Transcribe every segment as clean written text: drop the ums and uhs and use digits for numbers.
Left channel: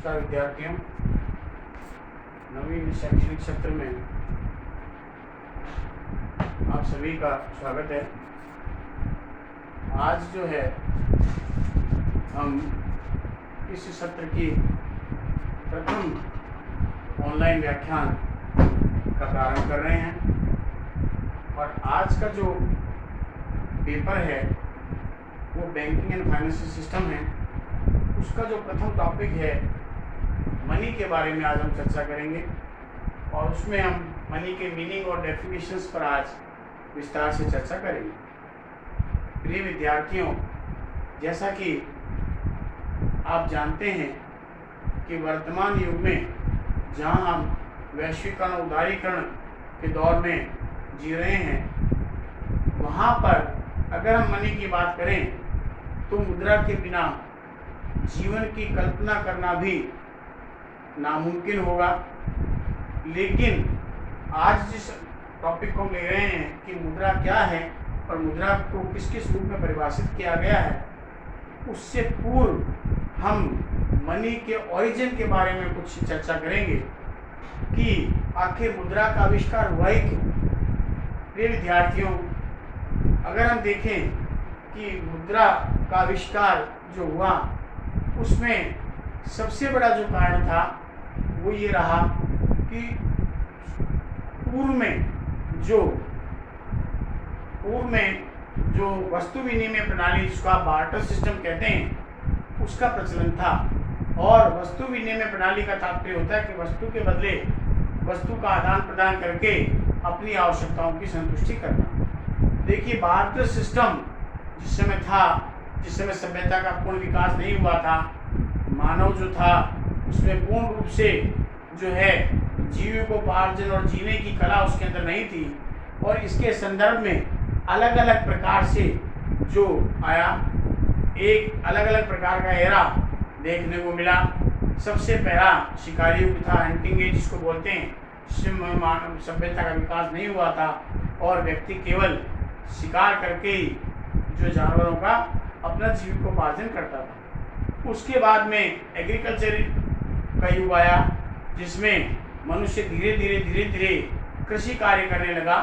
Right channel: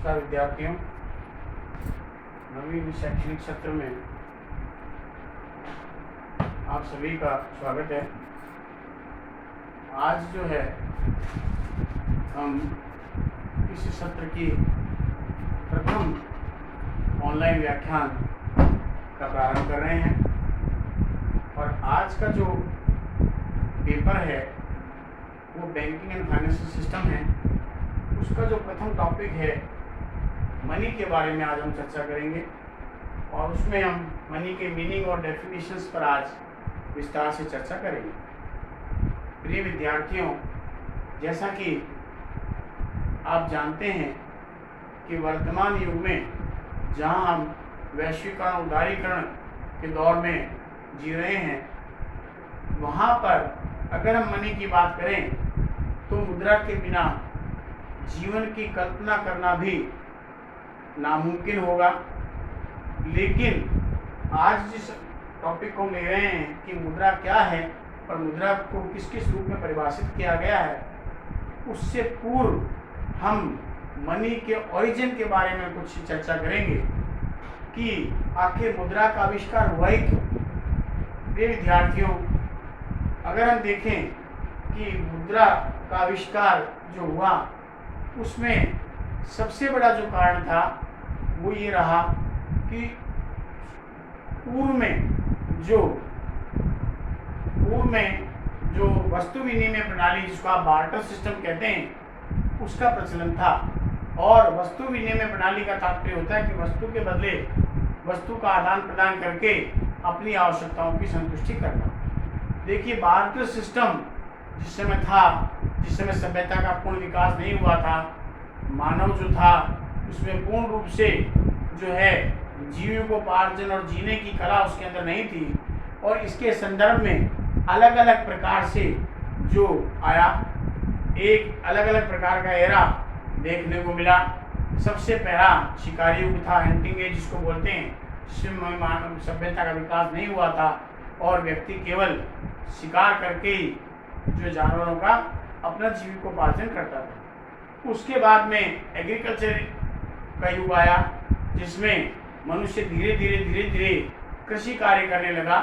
नमस्कार विद्यार्थियों, नवीन शैक्षणिक सत्र में आप सभी का स्वागत है। आज जो है हम इस सत्र की प्रथम ऑनलाइन व्याख्यान का प्रारंभ कर रहे हैं और आज का जो पेपर है वो बैंकिंग एंड फाइनेंशियल सिस्टम है। उसका जो प्रथम टॉपिक है मनी के बारे में आज हम चर्चा करेंगे और उसमें हम मनी के मीनिंग और डेफिनेशंस पर आज विस्तार से चर्चा करेंगे। प्रिय विद्यार्थियों, जैसा कि आप जानते हैं कि वर्तमान युग में जहां हम वैश्वीकरण उदारीकरण के दौर में जी रहे हैं, वहां पर अगर हम मनी की बात करें तो मुद्रा के बिना जीवन की कल्पना करना भी नामुमकिन होगा। लेकिन आज जिस टॉपिक को हम ले रहे हैं कि मुद्रा क्या है और मुद्रा को किस किस रूप में परिभाषित किया गया है, उससे पूर्व हम मनी के ओरिजिन के बारे में कुछ चर्चा करेंगे कि आखिर मुद्रा का आविष्कार हुआ ही क्यों। प्रिय विद्यार्थियों, अगर हम देखें कि मुद्रा का आविष्कार जो हुआ उसमें सबसे बड़ा जो कारण था वो ये रहा कि पूर्व में जो वस्तु विनिमय प्रणाली, जिसको आप बार्टर सिस्टम कहते हैं, उसका प्रचलन था। और वस्तु विनिमय प्रणाली का तात्पर्य होता है कि वस्तु के बदले वस्तु का आदान प्रदान करके अपनी आवश्यकताओं की संतुष्टि करना। देखिए, बार्टर सिस्टम जिस समय था, जिस समय सभ्यता का पूर्ण विकास नहीं हुआ था, मानव जो था उसमें पूर्ण रूप से जो है जीविकोपार्जन और जीने की कला उसके अंदर नहीं थी। और इसके संदर्भ में अलग अलग प्रकार से जो आया, एक अलग अलग प्रकार का एरा देखने को मिला। सबसे पहला शिकारी युग था, हंटिंग एज जिसको बोलते हैं, जिसमें मानव सभ्यता का विकास नहीं हुआ था और व्यक्ति केवल शिकार करके ही जो जानवरों का अपना जीविकोपार्जन करता था। उसके बाद में एग्रीकल्चर का युग आया, जिसमें मनुष्य धीरे धीरे कृषि कार्य करने लगा।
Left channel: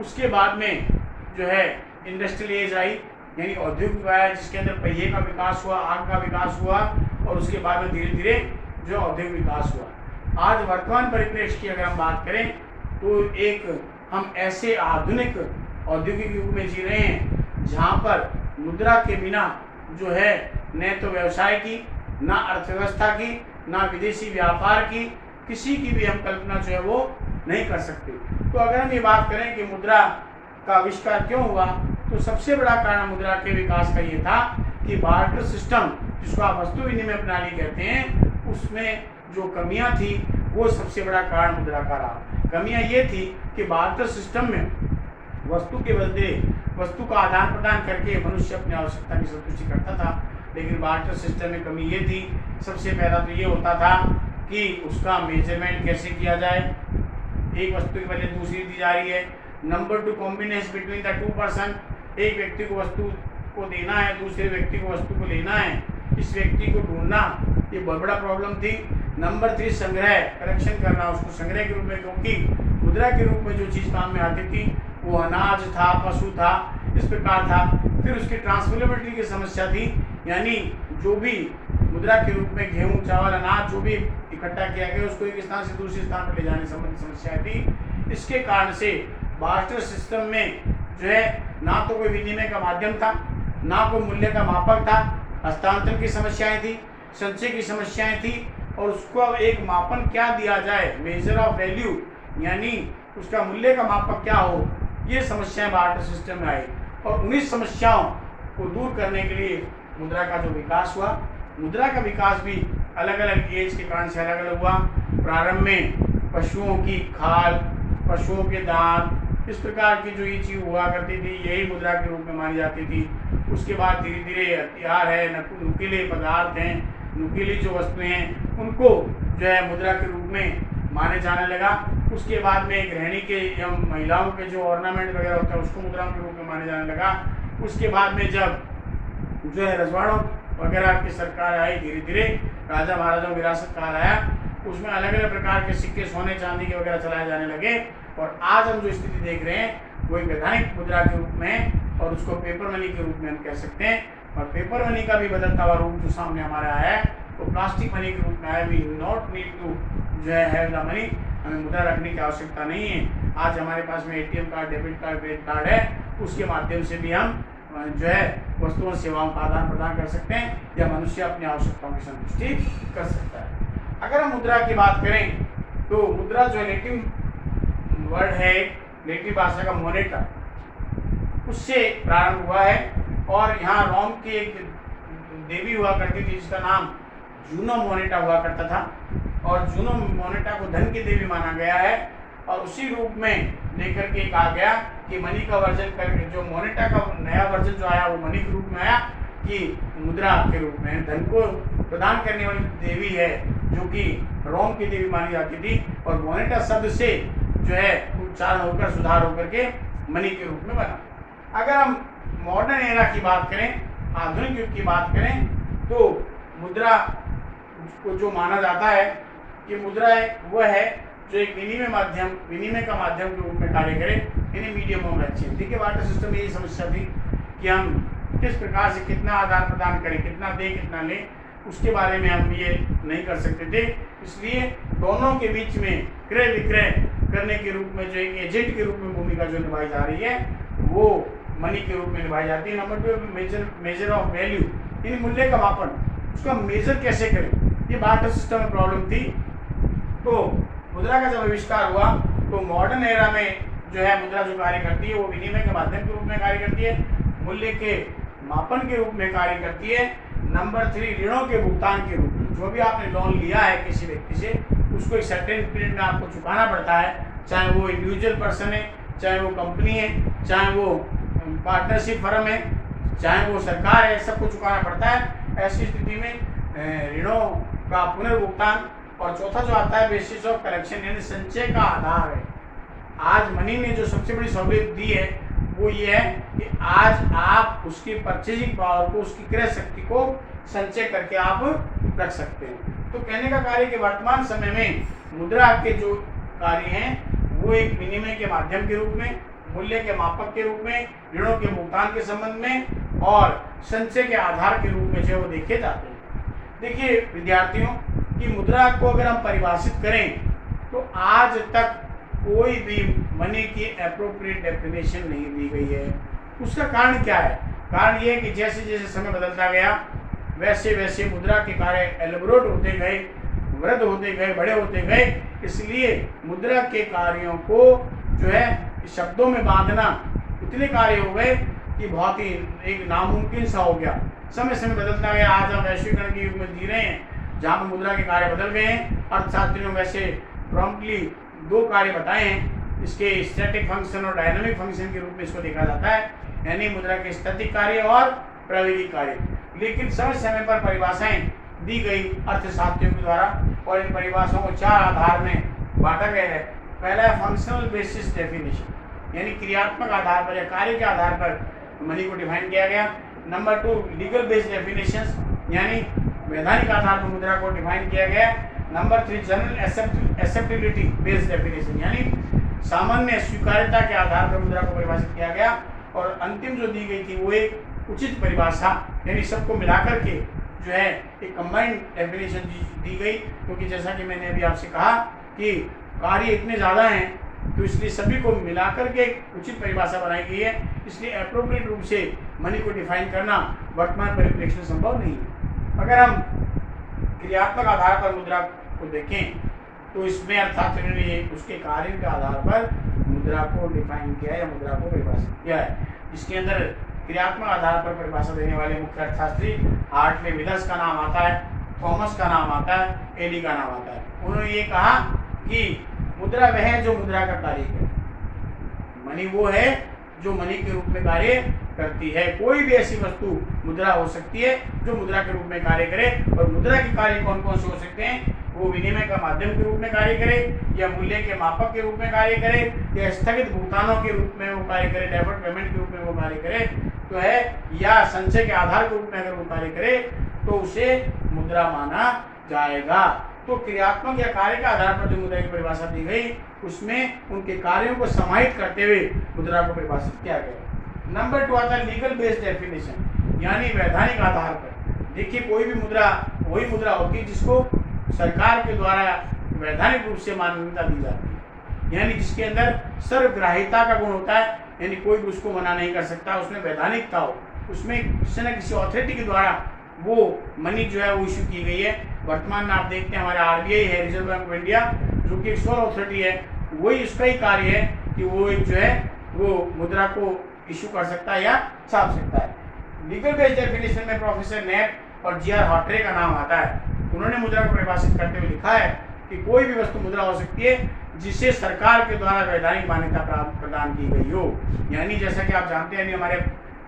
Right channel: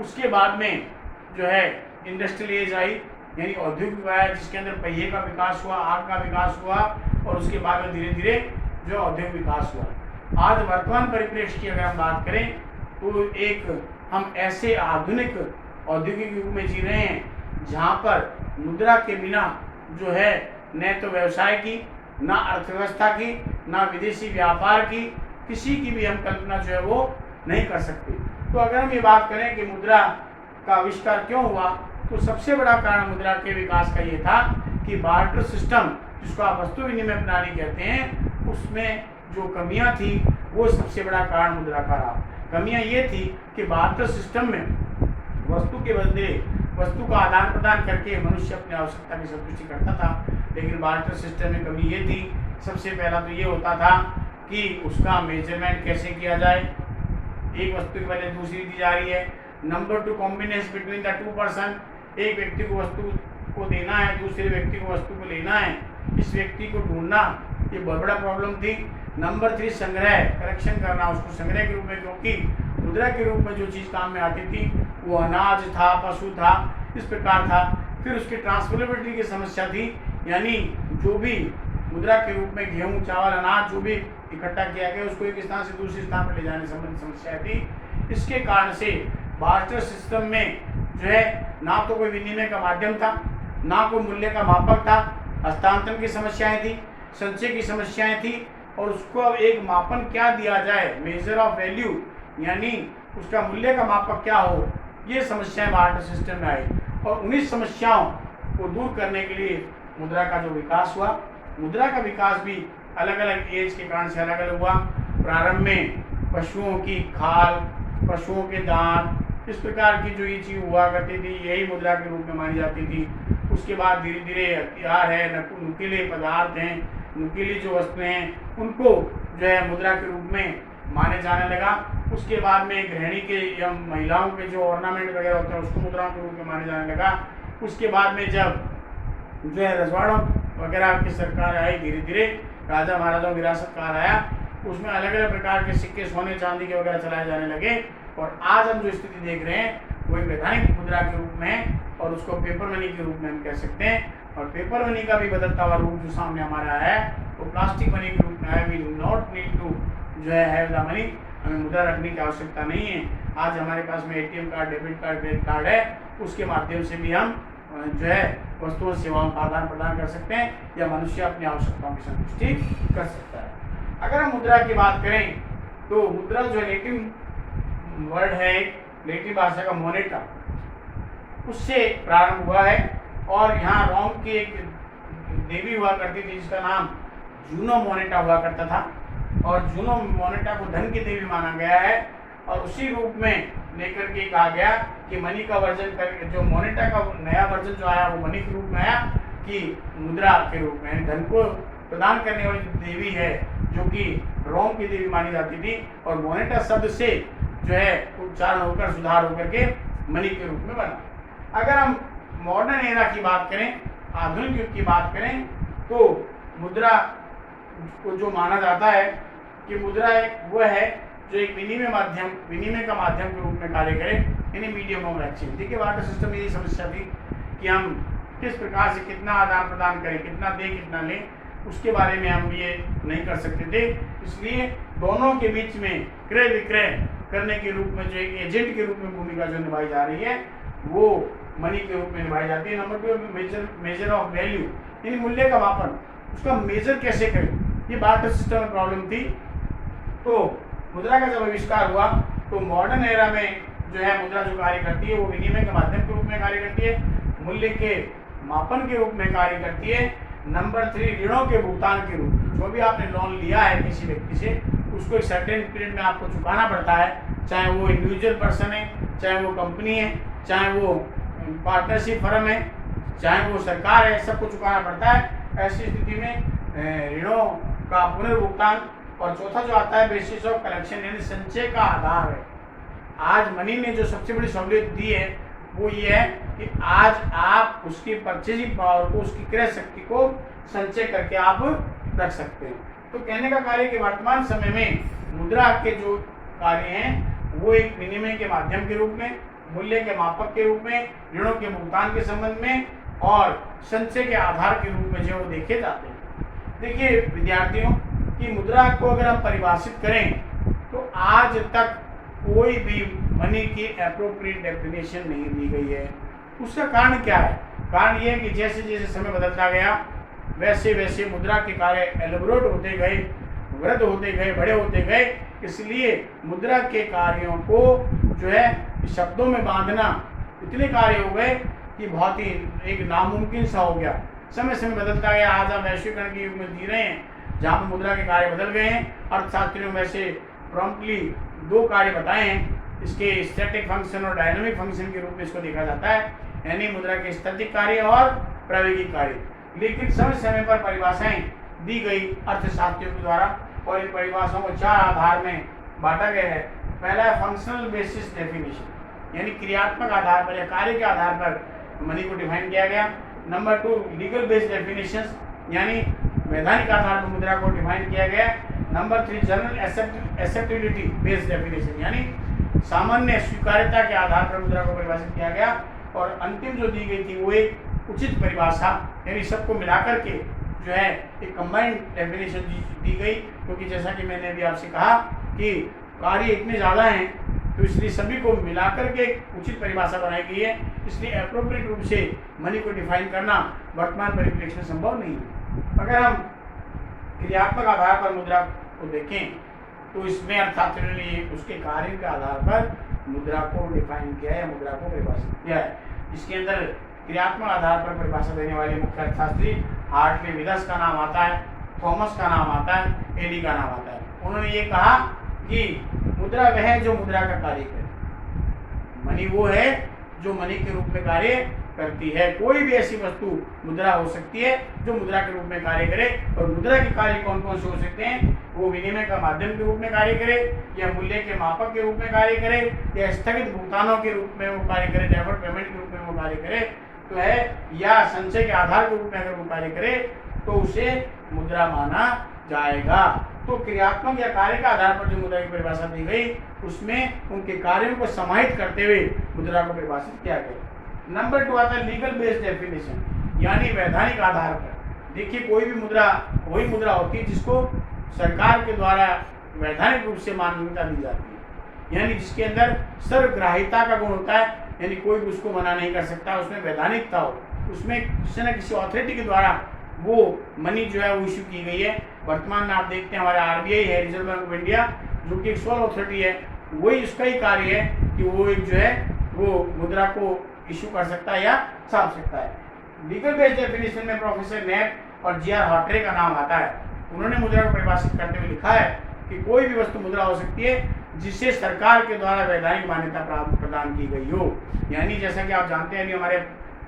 उसके बाद में जो है इंडस्ट्रियल एज आई, यानी औद्योगिक युग आया, जिसके अंदर पहिए का विकास हुआ, आग का विकास हुआ और उसके बाद में धीरे धीरे जो औद्योगिक विकास हुआ। आज वर्तमान परिप्रेक्ष्य की अगर हम बात करें तो एक हम ऐसे आधुनिक औद्योगिक युग में जी रहे हैं जहाँ पर मुद्रा के बिना जो है न तो व्यवसाय की, ना अर्थव्यवस्था की, ना विदेशी व्यापार की, किसी की भी हम कल्पना जो है वो नहीं कर सकते। तो अगर हम ये बात करें कि मुद्रा का आविष्कार क्यों हुआ, तो सबसे बड़ा कारण मुद्रा के विकास का ये था कि बार्टर सिस्टम, जिसको आप वस्तु विनिमय प्रणाली कहते हैं, उसमें जो कमियां थी वो सबसे बड़ा कारण मुद्रा का रहा। कमियां ये थी कि बार्टर सिस्टम में वस्तु के बदले वस्तु का आदान प्रदान करके मनुष्य अपनी आवश्यकता की संतुष्टि करता था। लेकिन बार्टर सिस्टम में कमी ये थी, सबसे पहला तो ये होता था कि उसका मेजरमेंट कैसे किया जाए, एक वस्तु के बदले दूसरी दी जा रही है। Number 2, combination between the two person, एक व्यक्ति को वस्तु को देना है, दूसरे व्यक्ति को वस्तु को लेना है, इस व्यक्ति को ढूंढना, ये बहुत बड़ा प्रॉब्लम थी। नंबर 3, संग्रह, कलेक्शन करना उसको संग्रह के रूप में, क्योंकि मुद्रा के रूप में जो चीज़ काम में आती थी वो अनाज था, पशु था, इस प्रकार था। फिर उसकी ट्रांसफरेबिलिटी की समस्या थी, यानी जो भी मुद्रा के रूप में गेहूं, चावल, अनाज जो भी इकट्ठा किया गया उसको एक स्थान से दूसरे स्थान पर ले जाने संबंधी समस्याएं थी। इसके कारण से बार्टर सिस्टम में जो है ना तो कोई विनिमय का माध्यम था, ना कोई मूल्य का मापक था, हस्तांतरण की समस्याएं थी, संचय की समस्याएं थी, और उसको अब एक मापन क्या दिया जाए, मेजर ऑफ वैल्यू, यानी उसका मूल्य का मापक क्या हो, ये समस्याएं बार्टर सिस्टम में आई। और उन्हीं समस्याओं को दूर करने के लिए मुद्रा का जो विकास हुआ, मुद्रा का विकास भी अलग अलग एज के कारण से अलग अलग हुआ। प्रारंभ में पशुओं की खाल, पशुओं के दांत, इस प्रकार की जो ये चीज़ हुआ करती थी, यही मुद्रा के रूप में मानी जाती थी। उसके बाद धीरे धीरे हथियार है, नुकीले पदार्थ हैं, नुकीली जो वस्तुएं हैं, उनको जो है मुद्रा के रूप में माने जाने लगा। उसके बाद में गृहिणी के या महिलाओं के जो ऑर्नामेंट वगैरह होता है उसको मुद्राओं के रूप में माने जाने लगा। उसके बाद में जब जो है रजवाड़ों वगैरह की सरकार आई, धीरे धीरे राजा महाराजाओं की विरासत काल आया, उसमें अलग अलग प्रकार के सिक्के सोने चांदी के वगैरह चलाए जाने लगे। और आज हम जो स्थिति देख रहे हैं वो एक वैधानिक मुद्रा के रूप में है और उसको पेपर मनी के रूप में हम कह सकते हैं। और पेपर मनी का भी बदलता हुआ रूप जो सामने हमारा आया है वो प्लास्टिक मनी के रूप में आया। वी नॉट नीड टू जो है द मनी, हमें मुद्रा रखने की आवश्यकता नहीं है। आज हमारे पास में ATM card, debit card, credit card है, उसके माध्यम से भी हम जो है वस्तुओं और सेवाओं का आदान प्रदान कर सकते हैं या मनुष्य अपनी आवश्यकताओं की संतुष्टि कर सकता है। अगर हम मुद्रा की बात करें तो मुद्रा जो लेटिन वर्ड है, लेटिन भाषा का मोनेटा, उससे प्रारंभ हुआ है। और यहाँ रोम की एक देवी हुआ करती थी जिसका नाम जूनो मोनेटा हुआ करता था और जूनो मोनेटा को धन की देवी माना गया है। और उसी रूप में लेकर के कहा गया कि मनी का वर्जन करके जो मोनेटा का नया वर्जन जो आया वो मनी के रूप में आया कि मुद्रा के रूप में धन को प्रदान करने वाली देवी है जो कि रोम की देवी मानी जाती थी। और मोनेटा शब्द से जो है उच्चारण होकर सुधार होकर के मनी के रूप में बना। अगर हम मॉडर्न एरा की बात करें, आधुनिक युग की बात करें, तो मुद्रा को जो माना जाता है कि मुद्रा वो है जो एक विनिमय का माध्यम के रूप में कार्य करे, यानी मीडियम ऑफ एक्सचेंज। देखिए वाटर सिस्टम में ये समस्या थी कि हम किस प्रकार से कितना आदान प्रदान करें, कितना दें कितना लें, उसके बारे में हम ये नहीं कर सकते थे। इसलिए दोनों के बीच में क्रय विक्रय करने के रूप में जो एक एजेंट के रूप में भूमिका जो निभाई जा रही है वो मनी के रूप में निभाई जाती है। नंबर 2 मेजर ऑफ वैल्यू, यानी मूल्य का मापन, उसका मेजर कैसे करें, ये बार्टर सिस्टम में प्रॉब्लम थी। तो मुद्रा का जब आविष्कार हुआ तो मॉडर्न एरा में जो है मुद्रा जो कार्य करती है वो विनिमय के माध्यम के रूप में कार्य करती है, मूल्य के मापन के रूप में कार्य करती है। नंबर 3 ऋणों के भुगतान के रूप में, जो भी आपने लोन लिया है किसी व्यक्ति से उसको एक सर्टेन पीरियड में आपको चुकाना पड़ता है, चाहे वो इंडिविजुअल पर्सन है, चाहे वो कंपनी है, चाहे वो पार्टनरशिप फर्म है, चाहे वो सरकार है, सबको चुकाना पड़ता है। ऐसी स्थिति में ऋणों का पुनर्भुगतान। और चौथा जो आता है बेसिस ऑफ कलेक्शन, यानी संचय का आधार है। आज मनी ने जो सबसे बड़ी सहूलियत दी है वो ये है कि आज आप उसकी परचेजिंग पावर को, उसकी क्रय शक्ति को संचय करके आप रख सकते हैं। तो कहने का कार्य कि वर्तमान समय में मुद्रा के जो कार्य हैं वो एक विनिमय के माध्यम के रूप में, मूल्य के मापक के रूप में, ऋणों के भुगतान के संबंध में और संचय के आधार के रूप में जो देखे जाते हैं। देखिए विद्यार्थियों की मुद्रा को अगर हम परिभाषित करें तो आज तक कोई भी मनी की एप्रोप्रिएट डेफिनेशन नहीं दी गई है। उसका कारण क्या है? कारण यह है कि जैसे जैसे समय बदलता गया वैसे वैसे मुद्रा के कार्य एलेबोरेट होते गए, वृद्ध होते गए, बड़े होते गए। इसलिए मुद्रा के कार्यों को जो है शब्दों में बांधना इतने कार्य हो गए कि बहुत ही एक नामुमकिन सा हो गया। समय समय बदलता गया। आज हम वैश्वीकरण के युग में जी रहे हैं जहाँ पर मुद्रा के कार्य बदल गए हैं। अर्थशास्त्रियों में से प्रॉम्प्टली 2 कार्य बताए हैं, इसके स्टैटिक फंक्शन और डायनामिक फंक्शन के रूप में इसको देखा जाता है, यानी मुद्रा के स्थैतिक कार्य और प्रायोगिक कार्य। लेकिन समय समय पर परिभाषाएं दी गई अर्थशास्त्रियों के द्वारा और इन परिभाषाओं को 4 आधार में बांटा गया है। पहला है फंक्शनल बेसिस डेफिनेशन, यानी क्रियात्मक आधार पर या कार्य के आधार पर मनी को डिफाइन किया गया। नंबर 2 लीगल बेस्ड डेफिनेशंस, यानी वैधानिक आधार पर मुद्रा को डिफाइन किया गया। Number 3 general acceptability based definition, यानी सामान्य स्वीकार्यता के आधार पर मुद्रा को परिभाषित किया गया। और अंतिम जो दी गई थी वो एक उचित परिभाषा, यानी सबको मिलाकर के जो है एक कंबाइंड डेफिनेशन दी गई। क्योंकि जैसा कि मैंने अभी आपसे कहा कि कार्य इतने ज़्यादा हैं तो इसलिए सभी को मिलाकर के उचित परिभाषा बनाई गई है। इसलिए एप्रोप्रिएट रूप से मनी को डिफाइन करना वर्तमान परिप्रेक्ष्य में संभव नहीं है। अगर हम क्रियात्मक आधार पर मुद्रा को देखें तो इसमें अर्थात उसके कार्य के आधार पर मुद्रा को डिफाइन किया है या मुद्रा को परिभाषित किया है। इसके अंदर क्रियात्मक आधार पर परिभाषा देने वाले मुख्य अर्थशास्त्री हार्टले विदर्स का नाम आता है, थॉमस का नाम आता है, एडी का नाम आता है। उन्होंने ये कहा कि मुद्रा वह है जो मुद्रा का कार्य करे, मनी वो है जो मनी के रूप में कार्य करती है। कोई भी ऐसी वस्तु मुद्रा हो सकती है जो मुद्रा के रूप में कार्य करे। और मुद्रा के कार्य कौन कौन से हो सकते हैं? वो विनिमय का माध्यम के रूप में कार्य करे, या मूल्य के मापक के रूप में कार्य करे, या स्थगित भुगतानों के रूप में वो कार्य करे, डेफर्ड पेमेंट के रूप में वो कार्य करे तो है, या संचय के आधार के रूप में अगर वो कार्य करे तो उसे मुद्रा माना जाएगा। तो क्रियात्मक या कार्य के आधार पर जो मुद्रा की परिभाषा दी गई उसमें उनके कार्यों को समाहित करते हुए मुद्रा को परिभाषित किया गया। नंबर 2 आता है लीगल बेस्ड डेफिनेशन, यानी वैधानिक आधार पर। देखिए कोई भी मुद्रा वही मुद्रा होती है जिसको सरकार के द्वारा वैधानिक रूप से मान्यता दी जाती है, यानी जिसके अंदर सर्वग्राहिता का गुण होता है, यानी कोई भी उसको मना नहीं कर सकता, उसमें वैधानिकता हो, उसमें किसी न किसी अथॉरिटी के द्वारा वो मनी जो है वो इशू की गई है। वर्तमान में आप देखते हैं हमारा आरबीआई है, रिजर्व बैंक ऑफ इंडिया, जो कि एक सोल अथॉरिटी है, वही उसका ही कार्य है कि वो एक जो है वो मुद्रा को इशू कर सकता है या छाप सकता है। लीगल बेस्ड डेफिनेशन में प्रोफेसर नेट और जीआर हॉटरे का नाम आता है। उन्होंने मुद्रा को परिभाषित करते हुए लिखा है कि कोई भी वस्तु मुद्रा हो सकती है जिसे सरकार के द्वारा वैधानिक मान्यता प्रदान की गई हो। यानी जैसा कि आप जानते हैं हमारे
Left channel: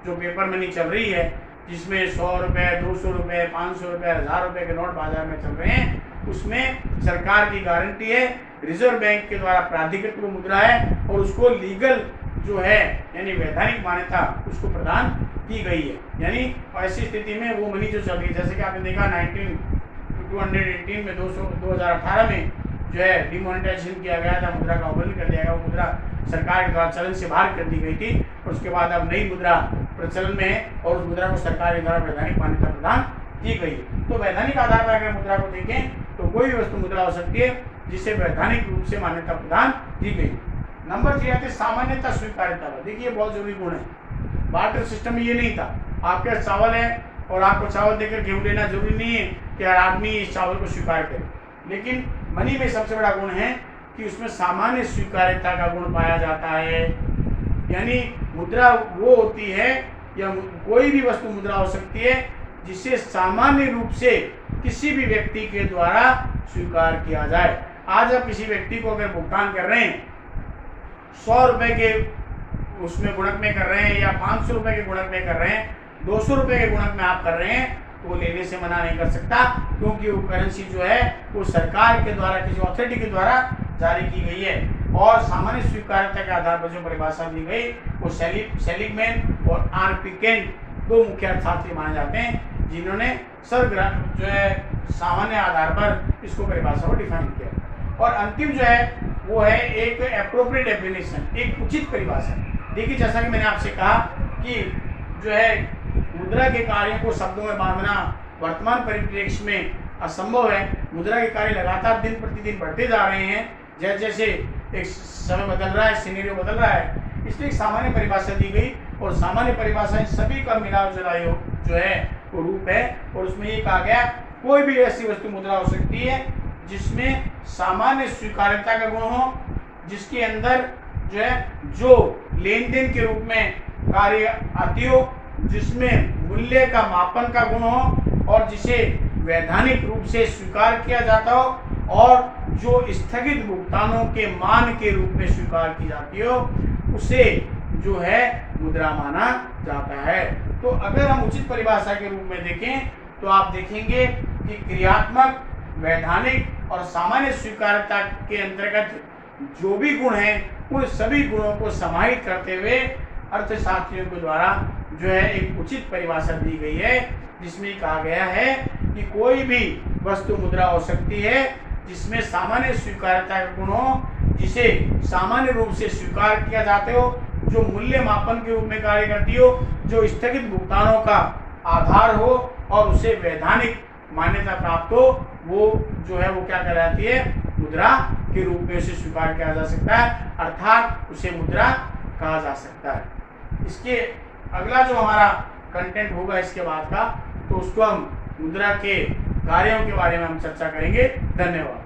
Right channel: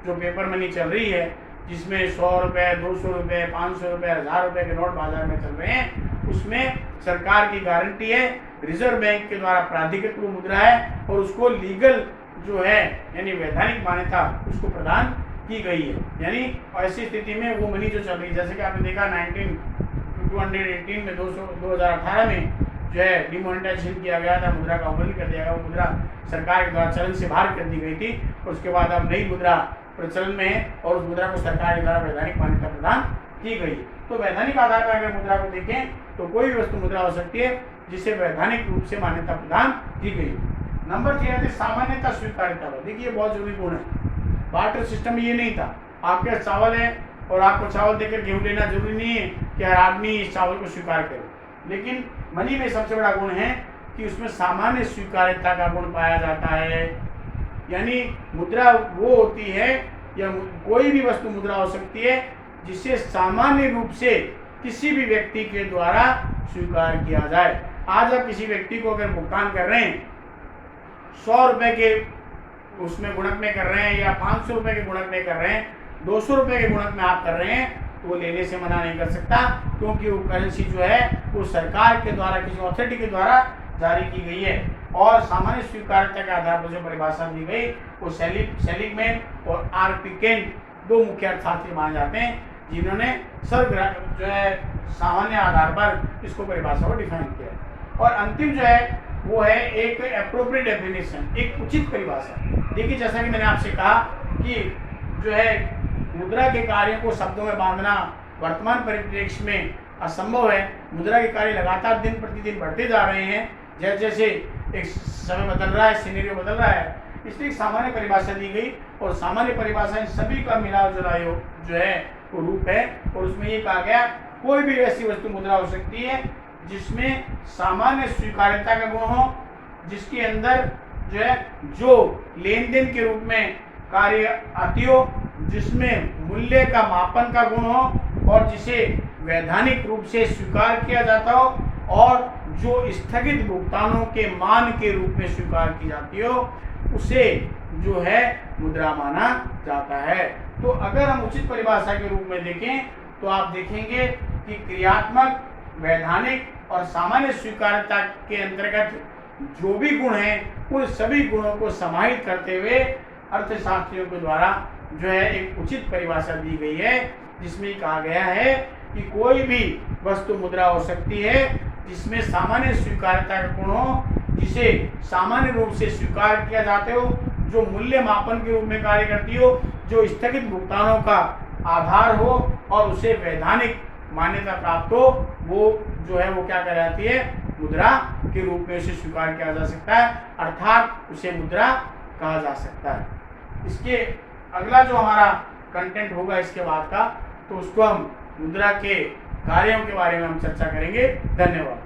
जो पेपर मनी चल रही है जिसमें 100 रुपये, 200 रुपये, 500 रुपये, 1000 रुपये के नोट बाजार में चल रहे हैं, उसमें सरकार की गारंटी है, रिजर्व बैंक के द्वारा प्राधिकृत वो मुद्रा है और उसको लीगल जो है यानी वैधानिक मान्यता उसको प्रदान की गई है। यानी ऐसी स्थिति में वो मनी जो चल रही है, जैसे कि आपने देखा 1918 में 2018 में जो है डिमोनेटाइजेशन किया गया था, मुद्रा का अवमूल्यन कर दिया गया, वो मुद्रा सरकार के द्वारा चलन से बाहर कर दी गई थी और उसके बाद अब नई मुद्रा प्रचलन में है और उस मुद्रा को सरकार के द्वारा वैधानिक मान्यता प्रदान की गई। तो वैधानिक आधार पर अगर मुद्रा को देखें तो कोई भी वस्तु मुद्रा हो सकती है जिसे वैधानिक रूप से मान्यता प्रदान की गई। नंबर 3 आती है सामान्यता स्वीकार्यता पर। देखिए बहुत जरूरी गुण है। बार्टर सिस्टम में ये नहीं था, आपके पास चावल है और आपको चावल देकर गेहूं लेना जरूरी नहीं है कि हर आदमी इस चावल को स्वीकार करे, लेकिन मनी में सबसे बड़ा गुण है कि उसमें सामान्य स्वीकार्यता का गुण पाया जाता है। यानी मुद्रा वो होती है या कोई भी वस्तु मुद्रा हो सकती है जिसे सामान्य रूप से किसी भी व्यक्ति के द्वारा स्वीकार किया जाए। आज आप किसी व्यक्ति को अगर भुगतान कर रहे हैं 100 रुपये के उसमें गुणक में कर रहे हैं या 500 रुपये के गुणक में कर रहे हैं, 200 रुपये के गुणक में आप कर रहे हैं, वो लेने से मना नहीं कर सकता, क्योंकि वो करेंसी जो है वो सरकार के द्वारा किसी अथॉरिटी के द्वारा जारी की गई है। और सामान्य स्वीकार्यता के आधार पर जो परिभाषा दी गई वो सेलिगमैन और आर.पी. केंट 2 मुख्य अर्थशास्त्री माने जाते हैं, जिन्होंने जो है सामान्य आधार पर इसको परिभाषा को डिफाइन किया। और अंतिम जो है वो है एक एप्रोप्रिएट डेफिनेशन, एक उचित परिभाषा। देखिए जैसा कि मैंने आपसे कहा कि जो है मुद्रा के कार्यों को शब्दों में बांधना वर्तमान परिप्रेक्ष्य में असंभव है। मुद्रा के कार्य लगातार दिन प्रतिदिन बढ़ते जा रहे हैं, जैसे जैसे एक समय बदल रहा है, सिनेरियो बदल रहा है, इसलिए सामान्य परिभाषा दी गई और सामान्य परिभाषा इन सभी का मिलाव जुलाव जो है वो रूप है। और उसमें ये कहा गया कोई भी ऐसी वस्तु मुद्रा हो सकती है जिसमें सामान्य स्वीकार्यता का गुण हो, जिसके अंदर जो है जो लेन देन के रूप में कार्य आती हो, जिसमें मूल्य का मापन का गुण हो और जिसे वैधानिक रूप से स्वीकार किया जाता हो और जो स्थगित भुगतानों के मान के रूप में स्वीकार की जाती हो, उसे जो है मुद्रा माना जाता है। तो अगर हम उचित परिभाषा के रूप में देखें तो आप देखेंगे कि क्रियात्मक, वैधानिक और सामान्य स्वीकार्यता के अंतर्गत जो भी गुण हैं उन सभी गुणों को समाहित करते हुए अर्थशास्त्रियों के द्वारा जो है एक उचित परिभाषा दी गई है, जिसमें कहा गया है कि कोई भी वस्तु मुद्रा हो सकती है जिसमें सामान्य स्वीकार्यता का गुण हो, जिसे सामान्य रूप से स्वीकार किया जाते हो, जो मूल्य मापन के रूप में कार्य करती हो, जो स्थगित भुगतानों का आधार हो और उसे वैधानिक मान्यता प्राप्त हो, वो जो है वो क्या कहलाती है, मुद्रा के रूप में उसे स्वीकार किया जा सकता है, अर्थात उसे मुद्रा कहा जा सकता है। इसके अगला जो हमारा कंटेंट होगा इसके बाद का, तो उसको हम मुद्रा के कार्यों के बारे में हम चर्चा करेंगे। धन्यवाद।